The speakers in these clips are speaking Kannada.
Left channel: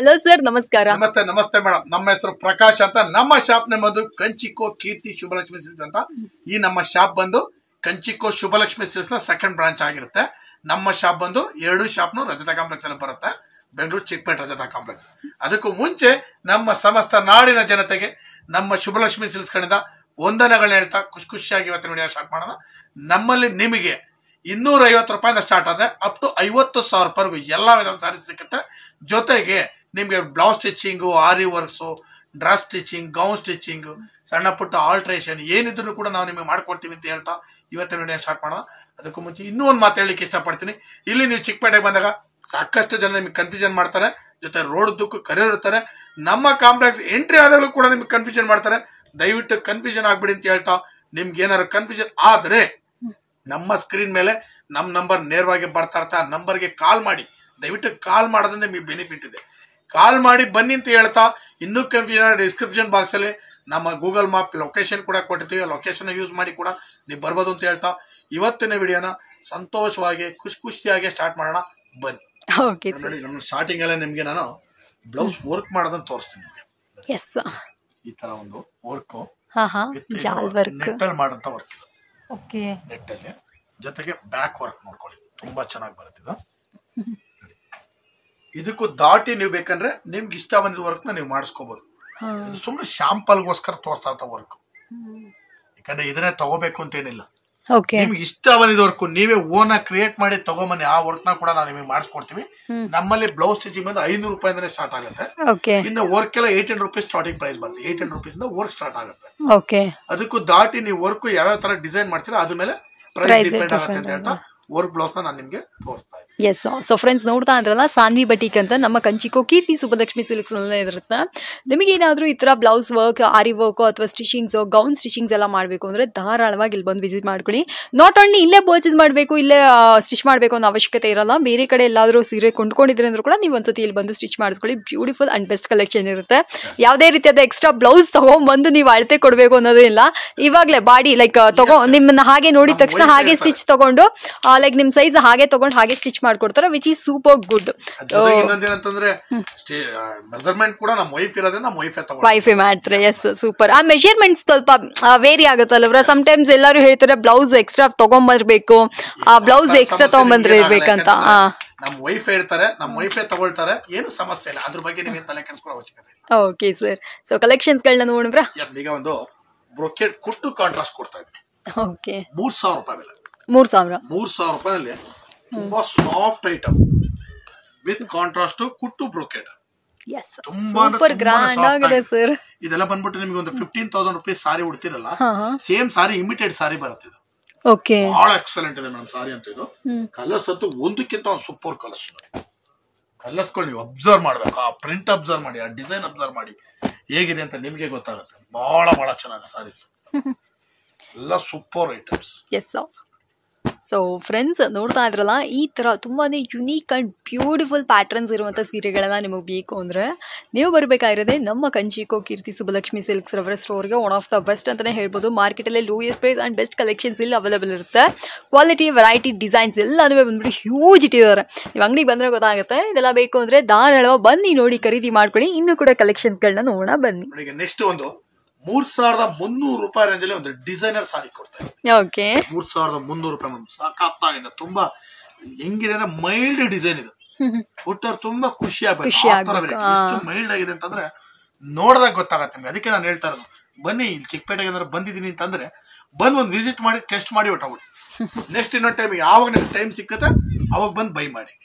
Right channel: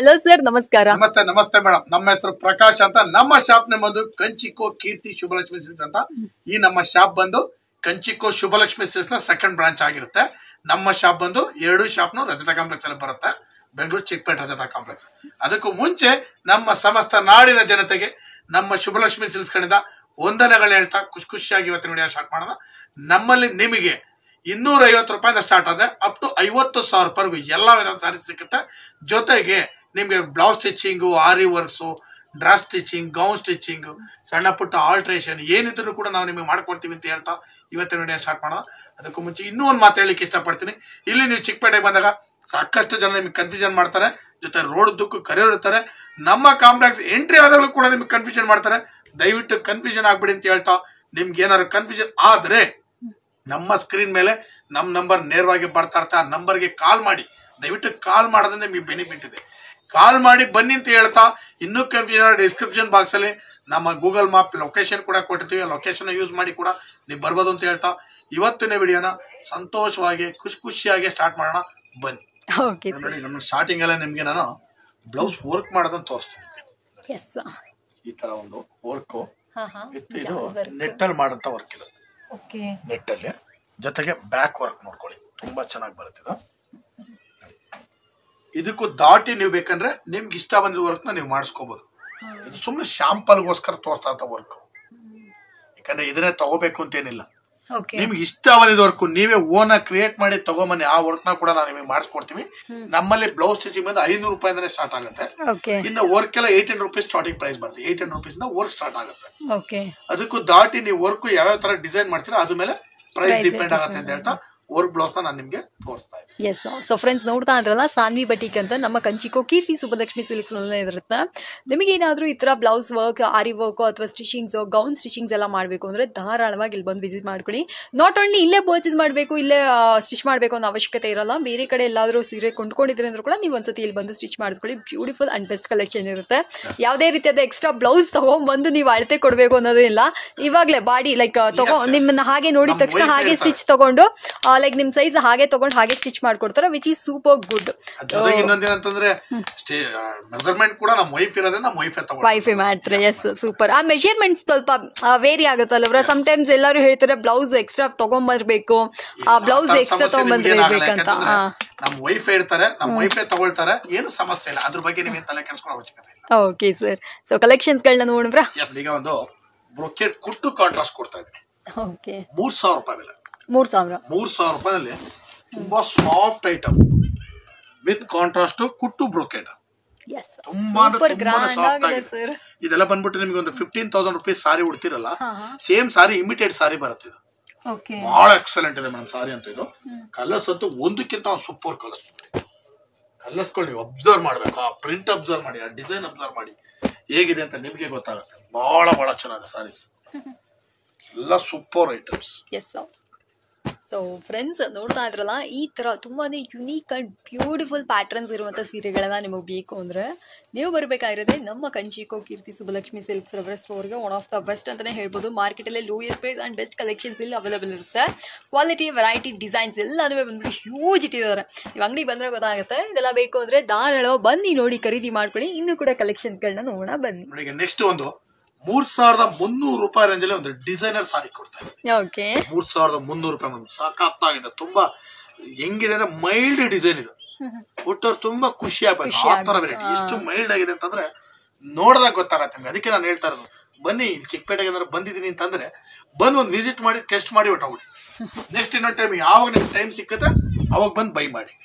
ಹಲೋ ಸರ್, ನಮಸ್ಕಾರ. ನಮಸ್ತೆ. ನಮಸ್ತೆ ಮೇಡಮ್. ನಮ್ಮ ಹೆಸರು ಪ್ರಕಾಶ್ ಅಂತ. ನಮ್ಮ ಶಾಪ್ ನೇಮ್ ಬಂದು ಕಂಚಿಕೋ ಕೀರ್ತಿ ಶುಭಲಕ್ಷ್ಮಿ ಸಿಲ್ಕ್ಸ್ ಅಂತ. ಈ ನಮ್ಮ ಶಾಪ್ ಬಂದು ಕಂಚಿಕೋ ಶುಭಲಕ್ಷ್ಮಿ ಸಿಲ್ಕ್ಸ್ ನ ಸೆಕೆಂಡ್ ಬ್ರಾಂಚ್ ಆಗಿರುತ್ತೆ. ನಮ್ಮ ಶಾಪ್ ಬಂದು 2 ಶಾಪ್ನು ರಜತಾ ಕಾಂಪ್ಲೆಕ್ಸ್ ಅಲ್ಲಿ ಬರುತ್ತೆ, ಬೆಂಗಳೂರು ಚಿಕ್ಕಪೇಟೆ ರಜತಾ ಕಾಂಪ್ಲೆಕ್ಸ್. ಅದಕ್ಕೂ ಮುಂಚೆ ನಮ್ಮ ಸಮಸ್ತ ನಾಡಿನ ಜನತೆಗೆ ನಮ್ಮ ಶುಭಲಕ್ಷ್ಮಿ ಸಿಲ್ಕ್ಸ್ ಕಡೆಯಿಂದ ವಂದನೆಗಳನ್ನ ಹೇಳ್ತಾ ಖುಷಿಯಾಗಿ ಇವತ್ತಿನ ವಿಡಿಯೋ ಸ್ಟಾರ್ಟ್ ಮಾಡೋಣ. ನಮ್ಮಲ್ಲಿ ನಿಮಗೆ 250 ರೂಪಾಯಿಂದ ಸ್ಟಾರ್ಟ್ ಆದರೆ ಅಪ್ ಟು 50,000 ರೂಪಾಯಿವರೆಗೂ ಎಲ್ಲ ವಿಧದ ಸ್ಯಾರೀಸ್ ಸಿಗುತ್ತೆ. ಜೊತೆಗೆ ನಿಮಗೆ blouse stitching, aari works, dress stitching, gown stitching, ಸಣ್ಣ ಪುಟ್ಟ ಆಲ್ಟ್ರೇಷನ್ ಏನಿದ್ರು ಕೂಡ ನಾವು ನಿಮಗೆ ಮಾಡ್ಕೊಡ್ತೀವಿ ಅಂತ ಹೇಳ್ತಾ ಇವತ್ತಿನ ವಿಡಿಯೋ ಸ್ಟಾರ್ಟ್ ಮಾಡೋಣ. ಅದಕ್ಕೂ ಮುಂಚೆ ಇನ್ನೂ ಒಂದು ಮಾತು ಹೇಳಲಿಕ್ಕೆ ಇಷ್ಟಪಡ್ತೀನಿ. ಇಲ್ಲಿ ನೀವು ಚಿಕ್ಕಪೇಟೆಗೆ ಬಂದಾಗ ಸಾಕಷ್ಟು ಜನ ನಿಮಗೆ ಕನ್ಫ್ಯೂಷನ್ ಮಾಡ್ತಾರೆ, ಜೊತೆ ರೋಡ್ ದುಕ್ಕು ಕರೆಯೋರ್ತಾರೆ. ನಮ್ಮ ಕಾಂಪ್ಲೆಕ್ಸ್ ಎಂಟ್ರಿ ಆದಾಗಲೂ ಕೂಡ ನಿಮಗೆ ಕನ್ಫ್ಯೂಷನ್ ಮಾಡ್ತಾರೆ. ದಯವಿಟ್ಟು ಕನ್ಫ್ಯೂಷನ್ ಆಗ್ಬಿಡಿ ಅಂತ ಹೇಳ್ತಾ, ನಿಮ್ಗೆ ಏನಾದ್ರು ಕನ್ಫ್ಯೂಷನ್ ಆದರೆ ನಮ್ಮ ಸ್ಕ್ರೀನ್ ಮೇಲೆ ನಮ್ಮ ನಂಬರ್ ನೇರವಾಗಿ ಬರ್ತಾ ಇರುತ್ತೆ. ಆ ನಂಬರ್ಗೆ ಕಾಲ್ ಮಾಡಿ. ದಯವಿಟ್ಟು ಕಾಲ್ ಮಾಡೋದ್ರಿಂದ ನಿಮಗೆ ಬೆನಿಫಿಟ್ ಇದೆ. ಕಾಲ್ ಮಾಡಿ ಬನ್ನಿ ಅಂತ ಹೇಳ್ತಾ, ಇನ್ನೂ ಕನ್ಫ್ಯೂಷನ್ ಡಿಸ್ಕ್ರಿಪ್ಷನ್ ಬಾಕ್ಸ್ ಅಲ್ಲಿ ನಮ್ಮ ಗೂಗಲ್ ಮ್ಯಾಪ್ ಲೊಕೇಶನ್ ಕೂಡ ಕೊಟ್ಟಿರ್ತೀವಿ. ಲೊಕೇಶನ್ ಯೂಸ್ ಮಾಡಿ ಕೂಡ ನೀವು ಬರ್ಬೋದು ಅಂತ ಹೇಳ್ತಾ ಇವತ್ತಿನ ವಿಡಿಯೋನ ಸಂತೋಷವಾಗಿ ಖುಷಿಯಾಗಿ ಸ್ಟಾರ್ಟ್ ಮಾಡೋಣ. ಬನ್ನಿ. ನೋಡಿ, ನಮ್ಮ ಸ್ಟಾರ್ಟಿಂಗ್ ಎಲ್ಲ ನಿಮ್ಗೆ ನಾನು ಬ್ಲೌಸ್ ವರ್ಕ್ ಮಾಡೋದನ್ನ ತೋರಿಸ್ತೀನಿ. ಈ ತರ ಒಂದು ವರ್ಕ್ ನೆಟ್ಟಲ್ಲಿ ಮಾಡೋಂಥ ವರ್ಕ್ ಇದೆ. ನೆಟ್ಟಲ್ಲಿ ಜೊತೆಗೆ ಬ್ಯಾಕ್ ವರ್ಕ್ ನೋಡ್ಕೊಳ್ಳಿ, ತುಂಬಾ ಚೆನ್ನಾಗಿ ಬರುತ್ತೆ. ಇದಕ್ಕೂ ದಾಟಿ ನೀವು ಬೇಕಂದ್ರೆ ನಿಮ್ಗೆ ಇಷ್ಟ ಬಂದಿದ್ದ ವರ್ಕ್ ನ ನೀವು ಮಾಡಿಸ್ಕೋಬಹುದು. ಇದು ಸುಮ್ಮನೆ ಶಾಂಪಲ್ಗೋಸ್ಕರ ತೋರಿಸ್ತಾ ಇರ್ತ ವರ್ಕ್, ಯಾಕಂದ್ರೆ ಇದನ್ನೇ ತಗೋಬೇಕು ಅಂತೇನಿಲ್ಲ. ನಿಮ್ಗೆ ಇಷ್ಟ ಬಂದಿದ್ದ ವರ್ಕ್ ನೀವೇ ಓನ್ ಕ್ರಿಯೇಟ್ ಮಾಡಿ ತಗೊಂಬನ್ನಿ. ಆ ವರ್ಕ್ ನ ಕೂಡ ನಾವು ನಿಮಗೆ ಮಾಡಿಸ್ಕೊಡ್ತೀವಿ. ನಮ್ಮಲ್ಲಿ ಬ್ಲೌಸ್ ಸ್ಟಿಚಿಂಗ್ ಬಂದು 500 ರೂಪಾಯಿಂದನೇ ಸ್ಟಾರ್ಟ್ ಆಗುತ್ತೆ. ಇನ್ನು ವರ್ಕ್ ಎಲ್ಲ 18 ರೂಪೀಸ್ ಸ್ಟಾರ್ಟಿಂಗ್ ಪ್ರೈಸ್ ಬರುತ್ತೆ. 18 ರೂಪೀಸ್ ಇಂದ ವರ್ಕ್ ಸ್ಟಾರ್ಟ್ ಆಗುತ್ತೆ. ಅದಕ್ಕೂ ದಾಟಿ ನೀವು ವರ್ಕ್ ಯಾವ್ಯಾವ ತರ ಡಿಸೈನ್ ಮಾಡ್ತೀರಾ ಅದ್ರ ಮೇಲೆ ಪ್ರೈಸ್ ಡಿಪೆಂಡ್ ಆಗುತ್ತೆ ಅಂತ ಹೇಳ್ತಾ ವರ್ಕ್ ಬ್ಲೌಸ್ ನಾನು ನಿಮಗೆ ತೋರಿಸ್ತಾ ಇದ್ದೀನಿ. ಎಸ್, ಸೊ ಫ್ರೆಂಡ್ಸ್ ನೋಡ್ತಾ ಇದ್ರಲ್ಲ, ಸಾನ್ವಿ ಬಟಿಕ್ ಅಂತ ನಮ್ಮ ಕಂಚಿಕೋ ಕೀರ್ತಿ ಸುಬ್ಬಲಕ್ಷ್ಮಿ ಸಿಲ್ಕ್ಸ್ ನಲ್ಲೇ ಇರುತ್ತೆ. ನಿಮಗೆ ಏನಾದರೂ ಈ ಥರ ಬ್ಲೌಸ್ ವರ್ಕ್, ಆರಿ ವರ್ಕ್ ಅಥವಾ ಸ್ಟಿಚಿಂಗ್ಸ್, ಗೌನ್ ಸ್ಟಿಚಿಂಗ್ಸ್ ಎಲ್ಲ ಮಾಡಬೇಕು ಅಂದರೆ ಧಾರಾಳವಾಗಿ ಇಲ್ಲಿ ಬಂದು ವಿಸಿಟ್ ಮಾಡ್ಕೊಳ್ಳಿ. ನಾಟ್ ಓನ್ಲಿ ಇಲ್ಲೇ ಪರ್ಚೇಸ್ ಮಾಡಬೇಕು, ಇಲ್ಲೇ ಸ್ಟಿಚ್ ಮಾಡಬೇಕು ಅನ್ನೋ ಅವಶ್ಯಕತೆ ಇರಲ್ಲ. ಬೇರೆ ಕಡೆ ಎಲ್ಲಾದರೂ ಸೀರೆ ಕೊಂಡ್ಕೊಂಡಿದ್ರೆ ಅಂದ್ರೂ ಕೂಡ ನೀವು ಒಂದ್ಸತಿ ಇಲ್ಲಿ ಬಂದು ಸ್ಟಿಚ್ ಮಾಡಿಸ್ಕೊಳ್ಳಿ. ಬ್ಯೂಟಿಫುಲ್ ಅಂಡ್ ಬೆಸ್ಟ್ ಕಲೆಕ್ಷನ್ ಇರುತ್ತೆ. ಯಾವುದೇ ರೀತಿಯಾದ ಎಕ್ಸ್ಟ್ರಾ ಬ್ಲೌಸ್ ತಗೊಂಡ್ಬಂದು ನೀವು ಅಳತೆ ಕೊಡಬೇಕು ಅನ್ನೋದೇ ಇಲ್ಲ. ಇವಾಗಲೇ ಬಾಡಿ ಲೈಕ್ ನಿಮ್ಮನ್ನ ಹಾಗೆ ನೋಡಿದ ತಕ್ಷಣ ಹಾಗೆ ಸ್ಟಿಚ್ ತಗೊಂಡು ಲೈಕ್ ನಿಮ್ ಸೈಜ್ ಹಾಗೆ ತಗೊಂಡು ಹಾಗೆ ಸ್ಟಿಚ್ ಮಾಡ್ಕೊಡ್ತಾರೆ, ವಿಚ್ ಈಸ್ ಸೂಪರ್ ಗುಡ್. ಇನ್ನೊಂದೇನಂತಂದ್ರೆ ಮೆಜರ್ಮೆಂಟ್ ಕೂಡ ನಮ್ಮ ವೈಫ್ ಇರೋದ್ರಿಂದ ನಮ್ಮ ವೈಫೈ ಮಾಡ್ತಾರೆ. Yes, super. ಆ ಮೆಜರ್ಮೆಂಟ್ ಸ್ವಲ್ಪ ವೇರಿ ಆಗುತ್ತಲ್ಲ. ಸಮ್ ಟೈಮ್ಸ್ ಎಲ್ಲರೂ ಹೇಳ್ತಾರೆ ಬ್ಲೌಸ್ ಎಕ್ಸ್ಟ್ರಾ ತಗೊಂಡ್ಬರ್ಬೇಕು, ಆ ಬ್ಲೌಸ್ ಎಕ್ಸ್ಟ್ರಾ ತಗೊಂಡ್ಬಂದಿರ್ಬೇಕಂತ. ನಮ್ಮ ವೈಫೈ ಇರ್ತಾರೆ, ನಮ್ಮ ವೈಫೈ ತಗೊಳ್ತಾರೆ, ಏನು ಸಮಸ್ಯೆ ಇಲ್ಲ. ಅದ್ರ ಬಗ್ಗೆ ನಿಮಗೆ ತಲೆ ಕೆಡಿಸ್ಕೊಳ್ಳೋ ಅವಶ್ಯಕತೆ ಇಲ್ಲ. ಓಕೆ ಸರ್, ಸೊ ಕಲೆಕ್ಷನ್ಸ್ ಗಳನ್ನ ನೋಡಿದ್ರ. ಈಗ ಒಂದು ಬ್ರೊಕೆಟ್ ಕುಟ್ಟು ಕಾಂಟ್ರಾಸ್ಟ್ ಕೊಡ್ತಾ ಇದ್ದೀನಿ. ಓಕೆ, 3000 ರೂಪಾಯಿ ಬೆಲೆ. 3000 ರೂಪಾಯಿನಲ್ಲಿ ತುಂಬಾ ಸಾಫ್ಟ್ ಐಟಮ್ ವಿತ್ ಕಾಂಟ್ರಾಸ್ಟ್ ಕುಟ್ಟು ಬ್ರೊಕೆಟ್. ಇದೆಲ್ಲ ಬಂದ್ಬಿಟ್ಟು ನಿಮ್ಗೆ ಒಂದು 15,000 ರೂಪೀಸ್ ಸಾರಿ ಉಡ್ತಿರಲ್ಲ, ಸೇಮ್ ಸಾರಿ ಇಮಿಟೇಟ್ ಸಾರಿ ಬರುತ್ತೆ. ಬಹಳ ಎಕ್ಸಲೆಂಟ್ ಇದೆ ಮೇಡಮ್ ಸಾರಿ ಅಂತ. ಇದು ಕಲರ್ಸ್ ಅಂತೂ ಒಂದಕ್ಕಿಂತ ಒಂದು ಸೂಪರ್ ಕಲರ್ಸ್. ಕಲರ್ಸ್ಗಳು ನೀವು ಅಬ್ಸರ್ವ್ ಮಾಡ್ಬೇಕು, ಆ ಪ್ರಿಂಟ್ ಅಬ್ಸರ್ವ್ ಮಾಡಿ, ಆ ಡಿಸೈನ್ ಅಬ್ಸರ್ವ್ ಮಾಡಿ ಹೇಗಿದೆ ಅಂತ ನಿಮ್ಗೆ ಗೊತ್ತಾಗುತ್ತೆ. ಬಹಳ ಚೆನ್ನಾಗಿದೆ ಸಾರೀಸ್ ಎಲ್ಲ, ಸೂಪರ್ ಐಟಮ್ಸ್. ಸೊ ಫ್ರೆಂಡ್ಸ್ ನೋಡ್ತಾ ಇದ್ರಲ್ಲ, ಈ ಥರ ತುಂಬಾ ಯುನೀಕ್ ಆ್ಯಂಡ್ ಬ್ಯೂಟಿಫುಲ್ ಪ್ಯಾಟ್ರನ್ಸ್ ಇರುವಂಥ ಸೀರೆಗಳೆಲ್ಲ ನಿಮಗೆ ಬೇಕು ಅಂದರೆ ನೀವು ಬರಬೇಕಾಗಿರೋದೆ ನಮ್ಮ ಕಂಚಿಕೋ ಕೀರ್ತಿ ಸುಬ್ಬಲಕ್ಷ್ಮಿ ಸಿಲ್ಕ್ಸ್ ರವರ ಸ್ಟೋರ್ಗೆ. ಒನ್ ಆಫ್ ದ ಬೆಸ್ಟ್ ಅಂತಲೇ ಹೇಳ್ಬೋದು. ಮಾರ್ಕೆಟಲ್ಲಿ lowest price and best collections ಇಲ್ಲಿ ಅವೈಲೇಬಲ್ ಇರುತ್ತೆ. ಕ್ವಾಲಿಟಿ, ವೆರೈಟಿ, ಡಿಸೈನ್ಸ್ ಎಲ್ಲನೂ ಬಂದ್ಬಿಟ್ಟು ಹ್ಯೂಜ್ ಇಟ್ಟಿದ್ದಾರೆ. ನೀವು ಅಂಗಡಿಗೆ ಬಂದರೆ ಗೊತ್ತಾಗುತ್ತೆ. ಇದೆಲ್ಲ ಬೇಕು ಅಂದರೆ ಧಾರಾಳ ಬನ್ನಿ, ನೋಡಿ, ಖರೀದಿ ಮಾಡ್ಕೊಳ್ಳಿ. ಇನ್ನೂ ಕೂಡ ಕಲೆಕ್ಷನ್ಸ್ಗಳನ್ನ ನೋಡೋಣ ಬನ್ನಿ. ನೆಕ್ಸ್ಟ್ ಒಂದು 3,300 ರೂಪಾಯಿ ರೇಂಜ್ ಅಲ್ಲಿ ಒಂದು ಡಿಸೈನರ್ ಸಾರಿ ಕೊಡ್ತಾ ಇದೆ. 3,300 ರೂಪಾಯಿ ಸಾಕಾಗಿದೆ. ತುಂಬಾ ಹೆಂಗಿದೆ ಅಂದ್ರೆ ಮೈಲ್ಡ್ ಡಿಸೈನ್ ಇದು. ಹುಟ್ಟೋರು ತುಂಬಾ ಖುಷಿ ಆಗ್ಬೇಕು. ಆ ತರ ವೆರೈಟಿ ಎಷ್ಟು ಮೈಲ್ಡ್ ಆಗಿದೆ ಅಂತಂದ್ರೆ ನೋಡಿದಾಗ ಗೊತ್ತಾಗತ್ತೆ ನಿಮ್ಗೆ. ಅದಕ್ಕೆ ನಾನು ಹೇಳ್ತಾ ಇರೋದು, ಬನ್ನಿ ಇಲ್ಲಿ ಚಿಕ್ಕಪೇಟೆಗೆ ಏನಾದ್ರು ಬಂದಿದ್ದೀನಿ ಅಂತಂದ್ರೆ ಬಂದು ಒಂದು ವಿಸಿಟ್ ಮಾಡಿ, ಟೆಸ್ಟ್ ಮಾಡಿ ಹೊಟ್ಟೋಗ್ಬಿಡಿ. ನೆಕ್ಸ್ಟ್ ಇನ್ನೊಂದು ಟೈಮ್ ಯಾವಾಗ ನಿಮ್ಗೆ ಟೈಮ್ ಸಿಕ್ಕತ್ತೆ ಅವಾಗ ಬಂದು ಬೈ ಮಾಡಿ,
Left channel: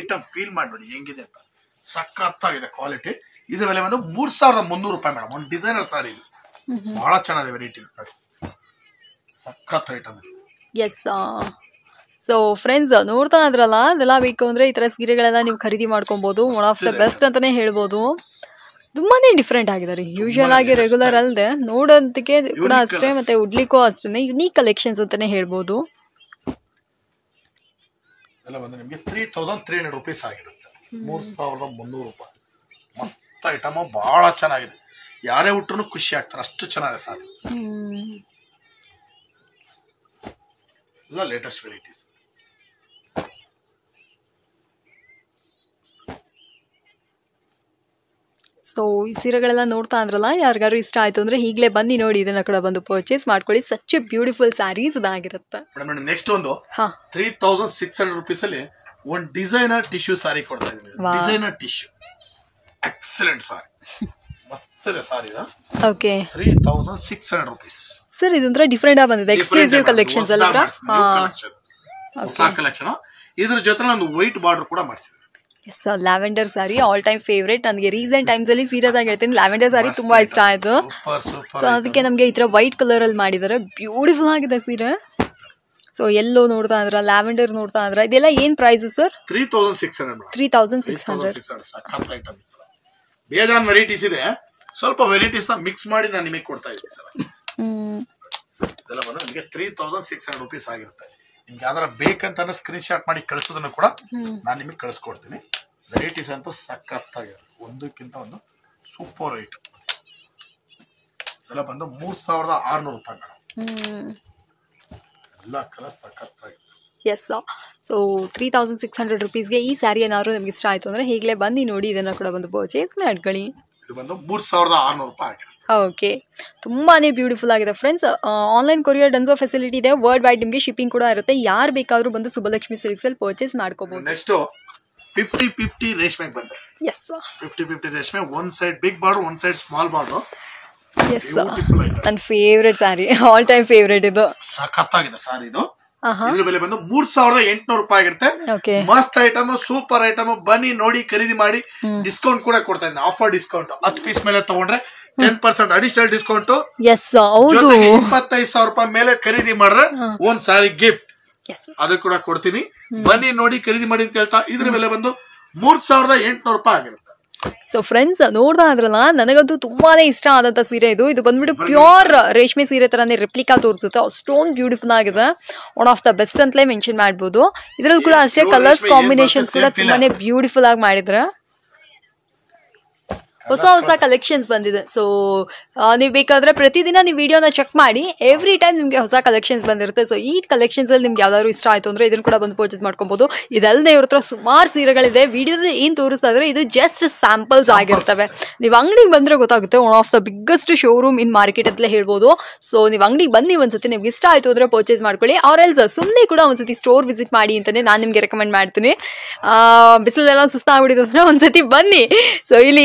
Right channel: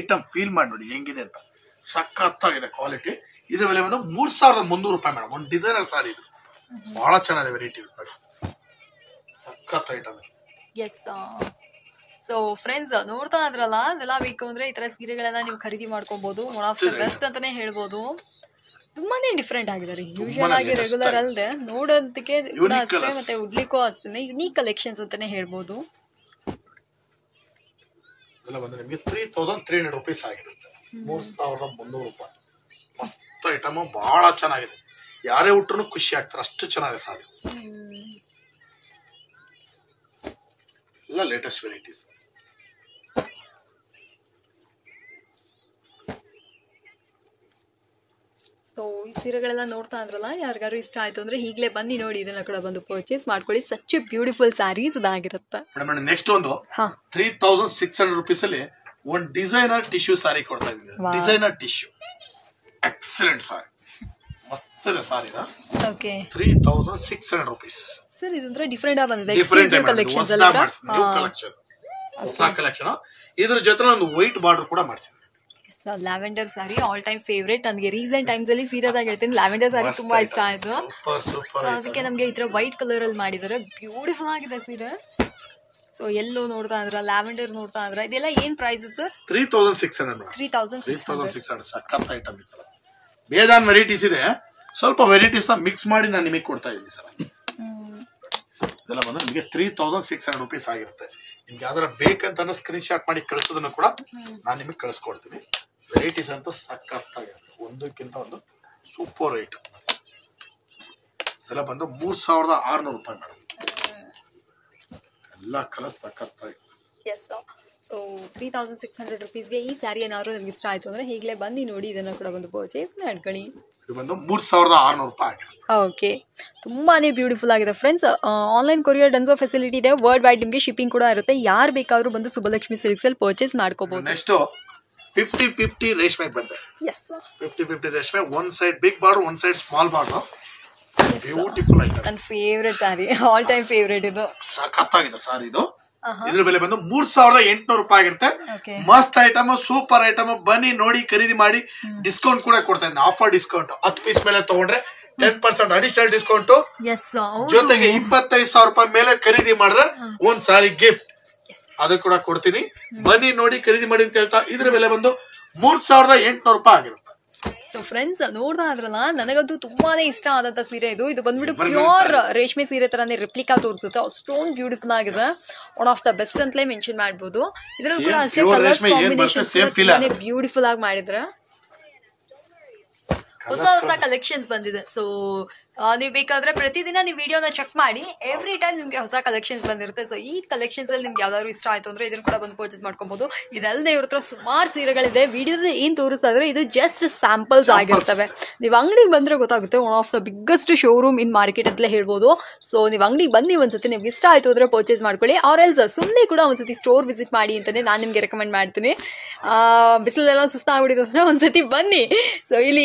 ಐಟಮ್ ಫೀಲ್ ಮಾಡಿ ನೋಡಿ ಹೆಂಗಿದೆ ಅಂತ. ಸಖತ್ತಾಗಿದೆ ಕ್ವಾಲಿಟಿ. ಇದ್ರ ಬೆಲೆ ಬಂದು 3,300 ರೂಪಾಯಿ ಮೇಡಮ್. ಒಂದು ಡಿಸೈನರ್ ಸಾರಿ ಇದು, ಬಹಳ ಚೆನ್ನಾಗಿದೆ ವೆರೈಟಿ, ಸಖತ್ ಐಟಮ್. ಎಸ್, ಸೊ ಫ್ರೆಂಡ್ಸ್ ನೋಡ್ತಾ ಇದ್ರಲ್ಲ, ಅದೆಲ್ಲ ಬೇಕು ಅಂದರೆ ಈ ಥರ ಸೀರೆಗಳೆಲ್ಲ ನೀವು ಖರೀದಿ ಮಾಡ್ಕೊಬೋದು. ಒನ್ ಆಫ್ ದ ಬೆಸ್ಟ್ ಅಂತಲೇ ಹೇಳ್ಬೋದು. ತುಂಬಾ ಡಿಫ್ರೆಂಟ್ ಆಗಿದ್ದಾರೆ. ಯೂಶುವಲ್ ಆಗಿ ರೆಗ್ಯುಲರ್ ಅಲ್ಲದೆ ನೋಡೋದಕ್ಕೆ ಕೂಡ ಅಷ್ಟೇ, ಮತ್ತೆ ಉಡ್ಲಿಕ್ಕೂ ಅಷ್ಟೇ ಯುನೀಕ್ ಕಲೆಕ್ಷನ್ಸ್ ಅಂತಲೇ ಹೇಳ್ಬೋದು. ಎಲ್ಲ ಬಂದು ನಿಮಗೆ 3,300 ರೂಪೀಸ್ ಆಗಿರುತ್ತೆ. 3,300 ರೂಪಾಯಿ. ಮಸ್ತ್ ಐಟಮ್, ಬಹಳ ಚೆನ್ನಾಗಿದೆ. ಯಾರೇ ಉಟ್ರು ಖುಷಿ ಆಗ್ತಾರೆ, ಅಷ್ಟು ಚೆನ್ನಾಗಿದೆ ಸಾರಿ. ಎಲ್ಲ ಲೇಟೆಸ್ಟ್ ವೆರೈಟೀಸ್. ಸೊ ಈ ಸೀರೆಗಳೆಲ್ಲ ನೋಡ್ತಾ ಅಂದ್ರಲ್ಲ, ಯಾರಿಗಾರು ಇಷ್ಟ ಆಯಿತು ಅಂದರೆ ಈಗಲೇ ಬನ್ನಿ ನೋಡಿ, ಇದನ್ನು ಕೂಡ ಬಂದು ಪರ್ಚೇಸ್ ಮಾಡ್ಕೊಳ್ಳಿ. ಸಚ್ ಎ ಬ್ಯೂಟಿಫುಲ್ ಸ್ಯಾರೀಸ್ ಇದಾಗಿರುತ್ತೆ. ಮೇಡಮ್ ನೆಕ್ಸ್ಟ್ ಒಂದು 3600 ರುಪೀಸಲ್ಲಿ ಒಂದು ಡಿಸೈನರ್ ಟಿಶ್ಯೂ ಸಾರಿ ಕೊಡ್ತಾ ಇದ್ದೀನಿ. ಡಿಸೈನರ್ ಟಿಶ್ಯೂ ಎಕ್ಸಲೆಂಟ್ ಸಾರಿ, ಮಸ್ತ್ ಇದೆ ಸಾರಿ. Okay, 3600 rupees sir. ಇದೊಂಥರ ಡಿಫ್ರೆಂಟ್ ಆಗಿ ಬಂದಿದೆ, ಎಕ್ಸ್ಕ್ಲೂಸಿವ್ ಕಲೆಕ್ಷನ್ಸ್ ಅಲ್ಲ, ಹೊಸ ಕಲೆಕ್ಷನ್. ಇದ್ರ ಜೊತೆ ಒಂದು ವೈಟ್ ಬಾರ್ಡರ್ ಕೂಡ ಮಾಡಿಸಿದೆ. Yes, lavender sari all time favourite ನನಗೆ. ರೀಸೆಂಟ್ ಟೈಮ್ಸ್ ಅಲ್ಲಿ ಸೀರಿಯಸ್ ಆಗಿ ಹೇಳ್ತೀನಿ, ಲ್ಯಾವೆಂಡರ್ ಸ್ಯಾರಿ ತುಂಬಾ ಇಷ್ಟ ಆಯ್ತು. ಸೊ ಅದಕ್ಕೆ ನಮಗೆ ಈ ತರ ವೈಟ್ ಕಲರ್ ಅಲ್ಲಿ ಮಾಡಿದ್ದಾರೆ, ಬ್ಯೂಟಿಫುಲ್ ಆಗಿದೆ ಸೀರೆ. ಸೊ ಎಲ್ಲೋ ನೋಡ್ತಾ ಇದ್ರ, ಲ್ಯಾವೆಂಡರ್ ನೋಡ್ತಾ ಇದ್ರ, ಇದೆಲ್ಲ ಏನ್ ಪ್ರೈಸ್ ಸರ್? 3600. 3600 ಸಖತ್ ಐಟಮ್ ಇದೆ. ಬೇಜಾನ್ ವೆರೈಟೀಸ್ ಇದೆ, ಸ್ವಲ್ಪ ವೆರೈಟೀಸ್ ನ ಮಿಕ್ಸ್ ಮಾಡಿ ನಾನು ನಿಮಗೆ ಕೊಡ್ತಾ ಇದ್ದೀನಿ ಸರ್. ಇದೆಲ್ಲ ಬಂದು ನಿಮಗೆ 3600 ರುಪೀಸ್ ಆಗಿರುತ್ತೆ. ನಿಮ್ಗೆ ಯಾವ್ದಾರ ಬೇಕಂತ ಸ್ಕ್ರೀನ್ ಶಾಟ್ ಮಾಡಿ ಕಳಿಸೋದನ್ನು ಕೂಡ ನಾನು ನಿಮಗೆ ಕಳಿಸ್ಕೊಡ್ತೀನಿ. ವೆರೈಟೀಸ್ ಅಂತೂ ಸಖತ್ತಾಗಿರುತ್ತೆ, ಒಂದಕ್ಕಿಂತ ಒಂದು ಸೂಪರ್ ರೇಟ್. ಇದೆಲ್ಲ ಬಂದು 3600 ರೂಪಾಯಿ ಮೇಡಮ್. ಎಲ್ಲ ಕಲರ್ ಸಖತ್ತಾಗಿದೆ. ಎಸ್, ಸೊ 3600 ರುಪೀಸ್ಗೆ ಈ ಸ್ಯಾರಿ ಏನಾದ್ರು ನಿಮ್ಗೆ ಇಷ್ಟ ಆಯ್ತು ಅಂದ್ರೆ ಈಗಲೇ ಬನ್ನಿ ನೋಡಿ, ಇದನ್ನ ಕೂಡ ಬಂದು ಪರ್ಚೇಸ್ ಮಾಡ್ಕೊಳ್ಳಿ. ಇದು ಬಂದು 3600 ರೂಪಾಯಿ ಆಗಿರುತ್ತೆ. ಓಕೆ, ತುಂಬಾನೇ ಬ್ಯೂಟಿಫುಲ್ ಆಗಿದೆ friends. Online courier Dunzo facility ಇದೆ, ವರ್ಲ್ಡ್ ವೈಡ್ ನಿಮಗೆ ಶಿಪ್ಪಿಂಗ್ ಕೂಡ ಇರುತ್ತೆ. ಯಾರು ಬೇಕಾದ್ರೂ ಬಂದು ಸುಬ್ಬಲಕ್ಷ್ಮಿ ಸಿಲ್ಕ್ಸ್ ಅಲ್ಲಿ ಪರ್ಚೇಸ್ ಮಾಡ್ಕೋಬಹುದು. ನೆಕ್ಸ್ಟ್ 50-50 ರೇಷ್ಮೆ ಬಂದೆ. ಎಸ್, 50-50 ರೇಷ್ಮೆ, one side big border, one side small border. Beautiful ಆಗಿದೆ, ನನ್ನ favourite sari, all time favourite. ಇದು ಸಖತ್ತಾಗಿದೆ ಸಾರಿ. ಇದು ಇದ್ರ ಬೆಲೆ ಬಂದು 3800 ರೂಪಾಯಿ ಆಗಿರುತ್ತೆ. ಮಸ್ತ್ ಐಟಮ್, ಸೂಪರ್ ಐಟಮ್. ಬನ್ನಿ ನೋಡಿ, ಖರೀದಿ ಮಾಡಿ. ಡಿಸ್ಕೌಂಟ್ ಕೂಡ ಕೊಡ್ತಾ ಇದ್ದೀನಿ, ಆಫರ್ ಡಿಸ್ಕೌಂಟ್. 10 ಪೀಸ್ ಮೇಲೆ ತಗೊಂಡ್ರೆ 10% ಅಡಿಷನಲ್ ಡಿಸ್ಕೌಂಟ್. ಜೊತೆಗೆ 25,000 ರೂಪಾಯಿ ಮೇಲೆ ಖರೀದಿ ಮಾಡಿದ್ರೆ ಒಂದ್ ಸಾರಿ ಗಿಫ್ಟ್ ಅದು ಕೂಡ ಕೊಡ್ತೀನಿ. ಬನ್ನಿ ನೋಡಿ, ಖರೀದಿ ಮಾಡಿ ಅಂತ ಹೇಳ್ತಾ ಇದ್ರ ಬೆಲೆ ಬಂದು 3800 ರೂಪಾಯಿ ಆಗಿರುತ್ತೆ. ಸೊ ಫ್ರೆಂಡ್ಸ್, ನೋಡ್ತಾ ಇದ್ರಲ್ಲ, ನನಗಂತೂ ತುಂಬಾನೇ ಇಷ್ಟ ಆದಂತ ಸೀರೆ ಇದು. ಇದು ಬಂದ್ಬಿಟ್ಟು ಪ್ಯೂರ್ ರೇಷ್ಮೆ ಸೀರೆ ತರಾನೇ ರೆಪ್ಲಿಕಾ ತೋರಿಸುತ್ತೆ, ಅಷ್ಟೊಂದು ಬ್ಯೂಟಿಫುಲ್ ಆಗಿದೆ. ಒನ್ ಆಫ್ ದ ಬೆಸ್ಟ್ ಅಂತಲೇ ಮೆನ್ಷನ್ ಮಾಡ್ಬೋದು. ಇದ್ರಲ್ಲಿ ಕೂಡ ಅಷ್ಟೇ ಕಲರ್ಸ್ ಕಾಂಬಿನೇಷನ್ಸ್ ಕೂಡ ತುಂಬಾನೇ ಬ್ಯೂಟಿಫುಲ್ ಆಗಿ ಮಾಡಿದ್ರೆ. ಹೊಸ ಕಲೆಕ್ಷನ್ಸ್ ಬಂದಿದೆ. ಸೊ ನೀವು ಬೇಕಾದ್ರೆ ಪ್ರತಿದಿನ ನೀವು ವಿಡಿಯೋನ ಚೆಕ್ ಮಾಡಿ, ಎವ್ರಿ ಟೈಮ್ ನಿಮಗೆ ಹೊಸ ಕಲೆಕ್ಷನ್ಸ್ ಬಂದಿರುತ್ತೆ. ಸೊ ಈ ಕಲೆಕ್ಷನ್ಸ್ ಅಲ್ಲಿ ನಿಮ್ಗೆ ಯಾವ್ದಾದ್ರು ಇಷ್ಟ ಆಯ್ತು ಅಂದ್ರೆ ಇದನ್ನು ಕೂಡ ಬಂದು ಪರ್ಚೇಸ್ ಮಾಡ್ಕೊಬಹುದು. ಇದಲ್ಲದೆ ಇವ್ರ ಹತ್ರ ಸುಮಾರು ಸೀರೆಗಳಿದೆ. ವಿಡಿಯೋದಲ್ಲಿ ಏನ್ ತೋರಿಸ್ತಾ ಇದ್ರೆ ಇದು ಜಸ್ಟ್ ಸ್ಯಾಂಪಲ್ಸ್ ಆಗಿರ್ತವೆ. ನೀವು ಅಂಗಡಿಗೆ ಬಂದ್ರೆ ಗೊತ್ತಾಗುತ್ತೆ, one of the biggest showroom in market ಅಂತಲೇ ಹೇಳ್ಬೋದು. ಸೊ ನೀವು ಅಂಗಡಿಗೆ ಬನ್ನಿ, ಒಂದ್ಸತಿ ನಿಮ್ಗೆ ಇಷ್ಟ ಆಯ್ತು ಅಂದ್ರೆ ಪರ್ಚೇಸ್ ಮಾಡ್ಕೊಳ್ಳಿ. ಆರ್ ಎಲ್ಸ್ ಸುಮ್ಮನೆ ಕೂಡ ಒಂದ್ಸತಿ ಸ್ಟೋರ್ ವಿಸಿಟ್ ಮಾಡಿ ಅಂತಾನೆ ನಾನು ನಿಮ್ಗೆ ರೆಕಮೆಂಡ್ ಮಾಡ್ತೀನಿ. ಬಿಸಿಲೆಲ್ಲ ಸುಸ್ತಾಗ್ಬಿಟ್ಟಿದೆ ಅಂದ್ರೆ ಒಂದ್ಸತಿ ಬನ್ನಿ. ಸೊ ಇಲ್ಲಿ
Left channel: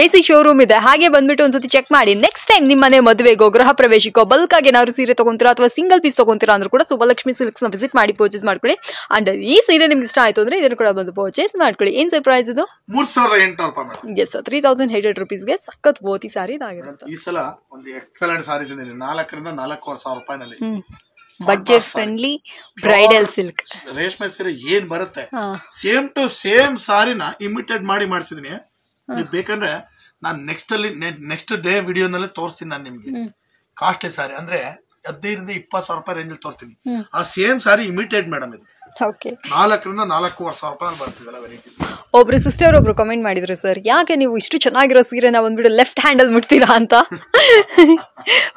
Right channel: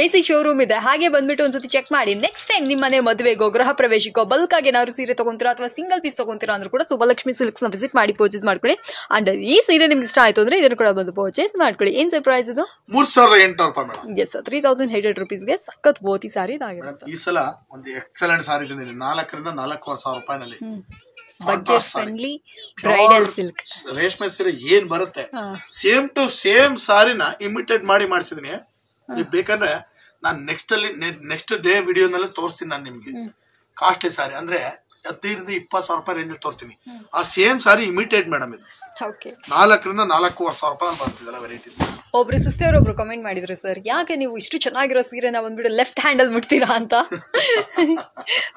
ಎ ಸಿ ಶೋರೂಮ್ ಇದೆ, ಹಾಗೆ ಬಂದ್ಬಿಟ್ಟು ಒಂದ್ಸತಿ ಚೆಕ್ ಮಾಡಿ. ನೆಕ್ಸ್ಟ್ ಟೈಮ್ ನಿಮ್ಮ ಮನೆ ಮದುವೆಗೋ, ಗೃಹ ಪ್ರವೇಶಕ್ಕೋ ಬಲ್ಕ್ ಆಗಿ ಏನಾದ್ರು ಸೀರೆ ತಗೊಂತೀರಾ ಅಥವಾ ಸಿಂಗಲ್ ಪೀಸ್ ತಗೊಂತೀರಾ ಅಂದ್ರೂ ಕೂಡ ಸುಬ್ಬಲಕ್ಷ್ಮಿ ಸಿಲ್ಕ್ಸ್ ನ ವಿಸಿಟ್ ಮಾಡಿ ಪರ್ಚೇಸ್ ಮಾಡ್ಕೊಳ್ಳಿ. ಅಂಡ್ ಈ ಸೀರೆ ನಿಮ್ಗೆ ಇಷ್ಟ ಆಯ್ತು ಅಂದ್ರೆ ಇದನ್ನು ಕೂಡ ಬಂದು ಪರ್ಚೇಸ್ ಮಾಡ್ಕೊಳ್ಳಿ. ಏನ್ ಸರ್ಪ್ರೈಸ್ ಇದು? 3800 ರೂಪಾಯಿ. ಎಸ್, 3800 ರುಪೀಸ್ಗೆ ಸಖತ್ ಬೋತಿ ಸಾರಿ ಇದಾಗಿರುತ್ತೆ. ಈ ಸಲ ಒಂದು ಎಕ್ಸಲೆಂಟ್ ಸಾರಿ ತಂದಿದ್ದೀನಿ, 4,000 ರಿಂದ 4,500 ರೂಪಾಯಿನಲ್ಲಿ. ಬಡ್ಜೆಟ್ ಫ್ರೆಂಡ್ಲಿ ಬ್ರೈಡಲ್ ಸಿಲ್ಕ್ ರೇಷ್ಮೆ ಸೀರೆ ಏನ್ ಬರುತ್ತೆ, ಸೇಮ್ ಟು ಸೇಮ್ ಸಾರಿನ ಇಮಿಟೇಟ್ ಮಾಡಿ ಮಾಡಿಸಿದೀನಿ. ನೀವು ಬೇಕಂದ್ರೆ ನಾನು ನೆಕ್ಸ್ಟ್ ಡೇ ವಿಡಿಯೋನಲ್ಲಿ ತೋರಿಸ್ತೀನಿ. ನಾನು ನಿಮ್ಗೆ ಕಾಸ್ಟ್ಲಿ ಸಾರಿ ಅಂದ್ರೆ 15,000 ರಿಂದ 20,000 ರೂಪಾಯಿ ರೇಂಜ್ ತೋರಿಸ್ತೀನಿ. ಆ ಸೇಮ್ ಸಾರಿ ಇಮಿಟೇಟ್ ಮೇಡಮ್ ಇದು. 4,000 ರಿಂದ 4,500 ರೂಪಾಯಿ ಬರ್ತಿದಲ್ಲ ವೆರೈಟಿ. ಒಬ್ರು ಸಿಸ್ಟರ್ ಒಬ್ರು ಕಮೆಂಟ್ ಮಾಡಿದ್ರು, ಸರ್ ಯಾಕೆ ನೀವು ಇಷ್ಟು ಚೆನ್ನಾಗಿರೋ ಸೀರೆನ ಬಂದ್ಬಿಟ್ಟು ಲೆಫ್ಟ್ ಹ್ಯಾಂಡಲ್ ಮುಟ್ತೀರಾ ಅಂತ.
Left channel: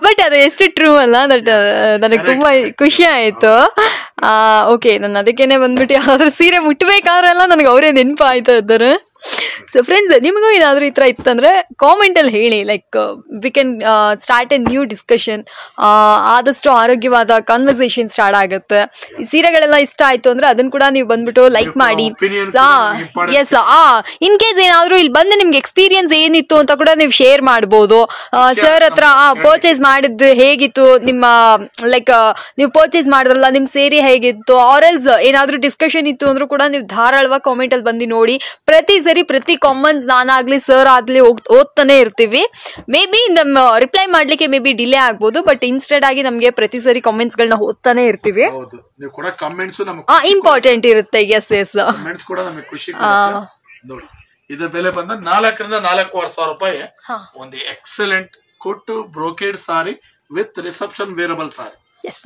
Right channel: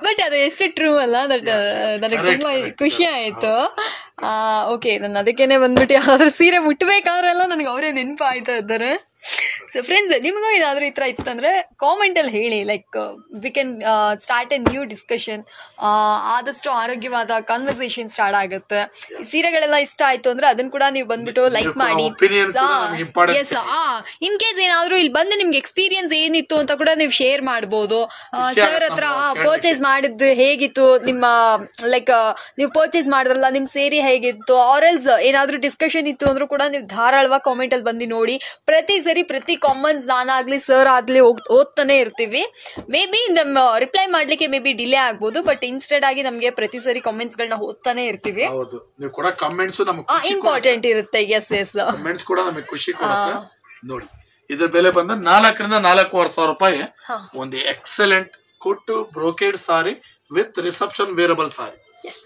ಬಟ್ ಅದು ಎಷ್ಟು ಟ್ರೂ ಅಲ್ಲ, ನನಗೆ ತುಂಬಾ ಖುಷಿ ಆಯ್ತು. ಓಕೆ, ನಾನು ಅದಕ್ಕೇನೆ ಬಂದ್ಬಿಟ್ಟು ಯಾವ್ದಾದ್ರು ಸೀರೆ ಮುಟ್ಬೇಕಾದ್ರೆಲ್ಲ ನನಗೆ ಅವರೇ ನೆನಪು ಆಯ್ತಾ ಇದ್ದಾರೆ. ಸೊ ಫ್ರೆಂಡ್ಸ್, ನಿಮಗೂ ಏನಾದರೂ ಈ ಥರ ಇತ್ತಂದರೆ ಕಾಮೆಂಟಲ್ಲಿ ಹೇಳಿ. Like we can start A new discussion. ಆದಷ್ಟು ಆರೋಗ್ಯವಾದ ಕಾನ್ವರ್ಸೇಷನ್ ಸ್ಟಾರ್ಟ್ ಆಗುತ್ತೆ. ಈ ಸೀರೆಗಳೆಲ್ಲ ಇಷ್ಟ ಆಯಿತು ಅಂದರೆ ಅದನ್ನು ಕೂಡ ನೀವು ಬಂದ್ಬಿಟ್ಟು ಲೈಕ್ ಮಾಡಿ. ಎಸ್, ಇನ್ ಕೇಸ್ ಏನಾದರೂ ಇಲ್ಲಿ ಬಂದು ನಿಮ್ಗೆ ಎಕ್ಸ್ಪೀರಿಯನ್ಸ್ ಏನಿತ್ತು ಅಂತ ಕೂಡ ನೀವು ಶೇರ್ ಮಾಡ್ಬೋದು. ಸರ್ ಹತ್ರ ಪರ್ಚೇಸ್ ಮಾಡಿದ್ದು ಹೇಗಿತ್ತು, ನಿಮ್ಮ ಲೈಕ್ ನೀವು ಪರ್ಚೇಸ್ ಮಾಡಿದ್ರಲ್ಲ ನಿಮ್ಮ ಸೇರಿ ಹೇಗಿತ್ತು, ಆರೆಲ್ಸ್ ಏನಾದರೂ ಡಿಸ್ಕಷನ್ ಇತ್ತು ಅಂದರೂ ಕೂಡ ನೀವು ಧಾರಾಳವಾಗಿ ಕಾಮೆಂಟಲ್ಲಿ ಬಂದು ನೋಡಿ. ಪ್ರತಿ ಕಾಮೆಂಟ್ಸ್ ನಾನಾಗ್ಲಿ ಸರ್ ಆಗ್ಲಿ ಓದ್ತಾನೆ ಇರ್ತೀವಿ. ಮೇ ಬಿ ನಮ್ಮ ರಿಪ್ಲೈ ಮಾಡ್ಲಿಕ್ಕೆ ಮೇ ಬಿ ಡಿಲೇ ಆಗ್ಬೋದು, ಬಟ್ ಇನ್ಸ್ಟೆಡ್ ಆಗಿ ನಮಗೆ ಪ್ರತಿ ಸರಿ ಕಾಮೆಂಟ್ಸ್ ಗಳನ್ನ ಓದ್ತಾನೆ ಇರ್ತೀವಿ. ಇಂಪಾರ್ಟೆಂಟ್ ಇರುತ್ತೆ. ಎಸ್ ಎಸ್, ಕಾಮೆಂಟ್ಸ್ ಕೂಡ ನಮಗೆ ಖುಷಿ ಕೊಡುತ್ತೆ. ನೋಡಿ, ಇದರ ಬೆಲೆ ಬಂದ 4,000 ರಿಂದ 4,500 ರೂಪಾಯಿ. ಒಂದು ಎಕ್ಸಲೆಂಟ್ ಕೊಟ್ಟು brocade sari with reception wearable sari. Yes,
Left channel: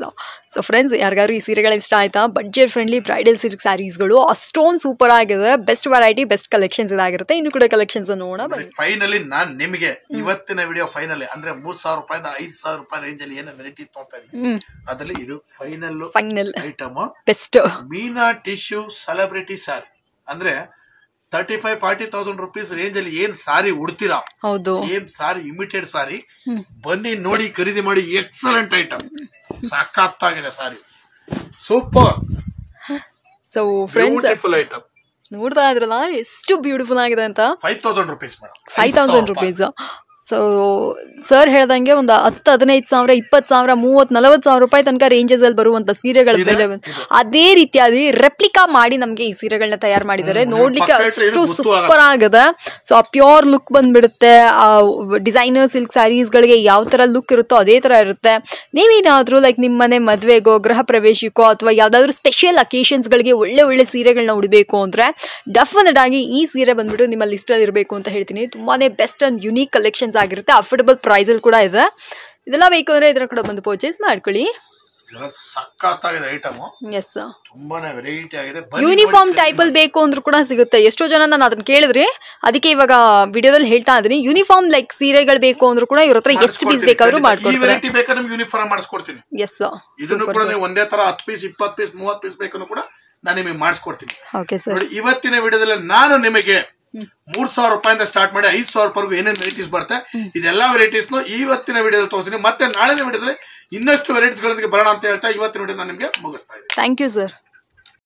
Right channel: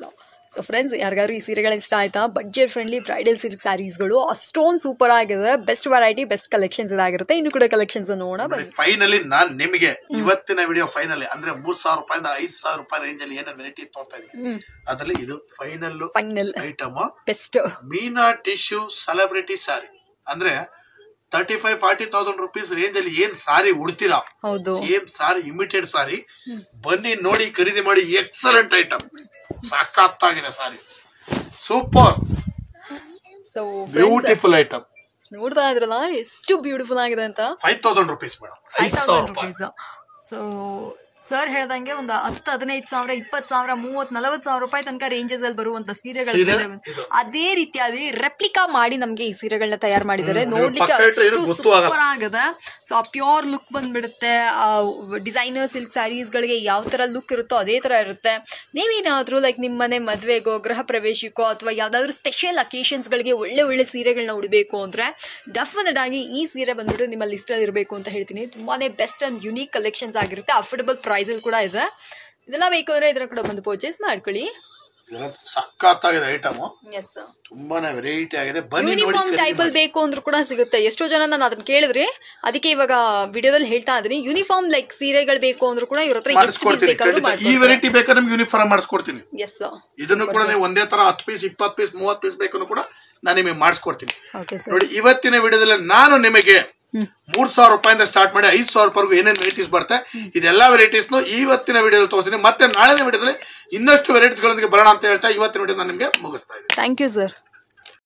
so friends, ಯಾರಿಗಾರು ಈ ಸೀರೆಗಳು ಇಷ್ಟ ಆಯ್ತಾ? ಬಡ್ಜೆಟ್ ಫ್ರೆಂಡ್ಲಿ ಬ್ರೈಡಲ್ ಸಿಲ್ಕ್ ಸ್ಯಾರೀಸ್ಗಳು ಅಷ್ಟೊಂದು ಸೂಪರ್ ಆಗಿದೆ. ಬೆಸ್ಟ್ ವೆರೈಟಿ, ಬೆಸ್ಟ್ ಕಲೆಕ್ಷನ್ಸ್ ಇದಾಗಿರುತ್ತೆ. ಇನ್ನು ಕೂಡ ಕಲೆಕ್ಷನ್ಸ್ ನೋಡೋಣ ಬನ್ನಿ. ಫೈನಲಿ ನಾನು ನಿಮಗೆ ಇವತ್ತಿನ ವಿಡಿಯೋ ಫೈನಲಿ ಅಂದ್ರೆ 3,000 ರೂಪಾಯಿಂದ 5,000 ರೂಪಾಯಿ ರೇಂಜ್ ಅಲ್ಲಿ ಏನೋ ವೆರೈಟಿ ತೋರ್ತಾ ಇದ್ದೀನಿ. ಅದರಲ್ಲಿ ಇದು ಫೈನಲ್ ಐಟಮ್. ಬೆಸ್ಟ್ ಮೀನಾ ಟಿಶ್ಯೂ ಸೆಲೆಬ್ರಿಟಿ ಸಾರಿ. ಅಂದ್ರೆ 35-40,000 rupees ರೇಂಜ್ ಅಲ್ಲಿ ಏನ್ ಸಾರಿ ಉಡ್ತೀರಾ, ಹೌದು ಸೇಮ್ ಸಾರಿ ಇಮಿಟೆಡ್ ಸಾರಿ, ಬನ್ನಿ ನೋಡಿ ಖರೀದಿ ಮಾಡಿ. ಎಕ್ಸಲೆಂಟ್ ಐಟಮ್, ಸಖತ್ತಾಗಿದೆ sari, super so friends beautiful item. ನೋಡ್ತಾ ಇದ್ರಲ್ಲ ಎಷ್ಟು ಬ್ಯೂಟಿಫುಲ್ ಆಗಿದೆ ಅಂತ. 5,000 rupees madam, 5,000 rupees. So sir ಹೇಳ್ದಂಗೆ ಒಂದು 10-15,000, 20,000, 30-40,000 ರೂಪಾಯಿ ತನಕ ರೇಂಜಸ್ ಅಲ್ಲಿ ಬರುವಂತ ಸೀರೆಗಳು ಅದೇ ರೀತಿಯಾಗಿ ರೆಪ್ಲಿಕಾ ಮಾಡಿ ನಮ್ಗೆ ಈ ಸೀರೆಗಳನ್ನ ತಯಾರು ಮಾಡಿದ್ದಾರೆ. ನೋಡ್ಲಿಕ್ಕೆ ಅಷ್ಟು ಸೂಪರ್ ಆಗಿದೆ. ಸೊ ಆ ಪ್ಯೂರ್ ಲುಕ್ ಬಂದ್ಬಿಡುತ್ತೆ. ಆ ಡಿಸೈನರ್ ಸಿಲ್ಕ್ ಸ್ಯಾರೀಸ್ ಗಳಿಗೆ ಯಾವ ತರ ಲುಕ್ ಇರುತ್ತೋ ಅದೇ ತರ ಇರುತ್ತೆ. ನೀವೇನಾದ್ರೂ ಲೈಕ್ ನಿಮ್ಮ ಮನೆ ಮದ್ವೆಗೋ, ಗೃಹ ಪ್ರವೇಶಕ್ಕೋ ಅಥವಾ ಯಾವ್ದಾದ್ರು ಸ್ಪೆಷಲ್ ಅಕೇಶನ್ಸ್ ಗಳಿಗೆ ಒಳ್ಳೆ ಸೀರೆಗಳನ್ನ ಉಡಬೇಕು ಅಂದ್ರೆ ಡೆಫಿನೆಟ್ ಆಗಿ ಈ ಸೀರೆ ಬಂದ್ಬಿಟ್ಟು ನಿಮ್ಮ ಲಿಸ್ಟ್ ಅಲ್ಲಿ ಇರಬೇಕು ಅಂತ ಹೇಳ್ತೀನಿ. ತುಂಬಾನೇ ಬೆಸ್ಟ್ ಅಂಡ್ ಯುನೀಕ್ ಕಲೆಕ್ಷನ್ಸ್ ಆಗಿರುತ್ತೆ. ಅಫೋರ್ಡಬಲ್ ಪ್ರೈಸ್ ಅಲ್ಲಿ ಕೂಡ ಇದೆ. ಇದೆಲ್ಲ ಬೇಕು ಅಂದ್ರೆ ಇದರ ಕಡೆ ಬಂದು ಪರ್ಚೇಸ್ ಮಾಡ್ಕೊಳ್ಳಿ. ಸಖತ್ತಾಗಿದೆ ಐಟಮ್. ಎಸ್, ತುಂಬಾನೇ ವೆರೈಟಿ ಆಗಿದೆ. ಯೂನಿಫಾರ್ಮ್ ಟೈಪ್ ಅಲ್ಲಿ ಬೇಕು ಅಂದ್ರೂ ಕೂಡ ಸಿಗುತ್ತೆ. ಎಷ್ಟೋ ಜನ ನಾನು ಅದನ್ನ ಕೇಳಿದ್ರಿ, ಅದಕ್ಕೆ ಇವಾಗ ವಿಡಿಯೋದಲ್ಲಿ ಹೇಳ್ತಾ ಇದ್ದೀನಿ. ಯೂನಿಫಾರ್ಮ್ ಲೈಕ್ ಸೀರೆಗಳು ಬೇಕು ಅಂದ್ರೂ ಕೂಡ ಇವ್ರ ಹತ್ರ ಎಷ್ಟು ಪೀಸ್ ಬೇಕಾದ್ರೂ ಮಾಡ್ಕೊಡ್ತೀನಿ. ಈ ವೆರೈಟಿ ಬೇಕಾದ್ರೆ ನಿಮ್ಗೆ ಯೂನಿಫಾರ್ಮ್ ಮಾಡಿಸ್ಕೊಡ್ತೀನಿ. ಎಸ್, ಇದನ್ನು ಕೂಡ ನೀವು ಒಂದೇ ತರ 10 ಪೀಸ್, 20 ಪೀಸ್, 30 ಪೀಸ್ ಬೇಕು ಕೂಡ ನಾನು ನಿಮಗೆ ಮಾಡಿಸ್ಕೊಡ್ತೀನಿ. Okay sir. ನೋಡಿ, ಇವತ್ತಿನ ವಿಡಿಯೋದಲ್ಲಿ ನಾನು ನಿಮಗೆ 3,000 ರೂಪಾಯಿಂದ ಸ್ಟಾರ್ಟ್ ಮಾಡಿ 5,000 ರೂಪಾಯಿಗೂ ಏನೇನು ವೆರೈಟೀಸ್ ಬರುತ್ತೆ, ಇದೆಲ್ಲ ವೆರೈಟೀಸ್ ಇವತ್ತಿನ ವಿಡಿಯೋದಲ್ಲಿ ತೋರಿಸ್ತೀನಿ. ಮತ್ತೆ ನಾಳೆನ ವಿಡಿಯೋದಲ್ಲಿ ಇನ್ನಷ್ಟು ವೆರೈಟೀಸ್ ಗಳೊಂದಿಗೆ ಬರೋಣ ಅಂತ ಹೇಳ್ತಾ ಇವತ್ತಿನ ವಿಡಿಯೋ ನಾನು ನಿಮಗೆ ಮುಗಿಸ್ತಾ ಇದ್ದೀನಿ. Thank you sir.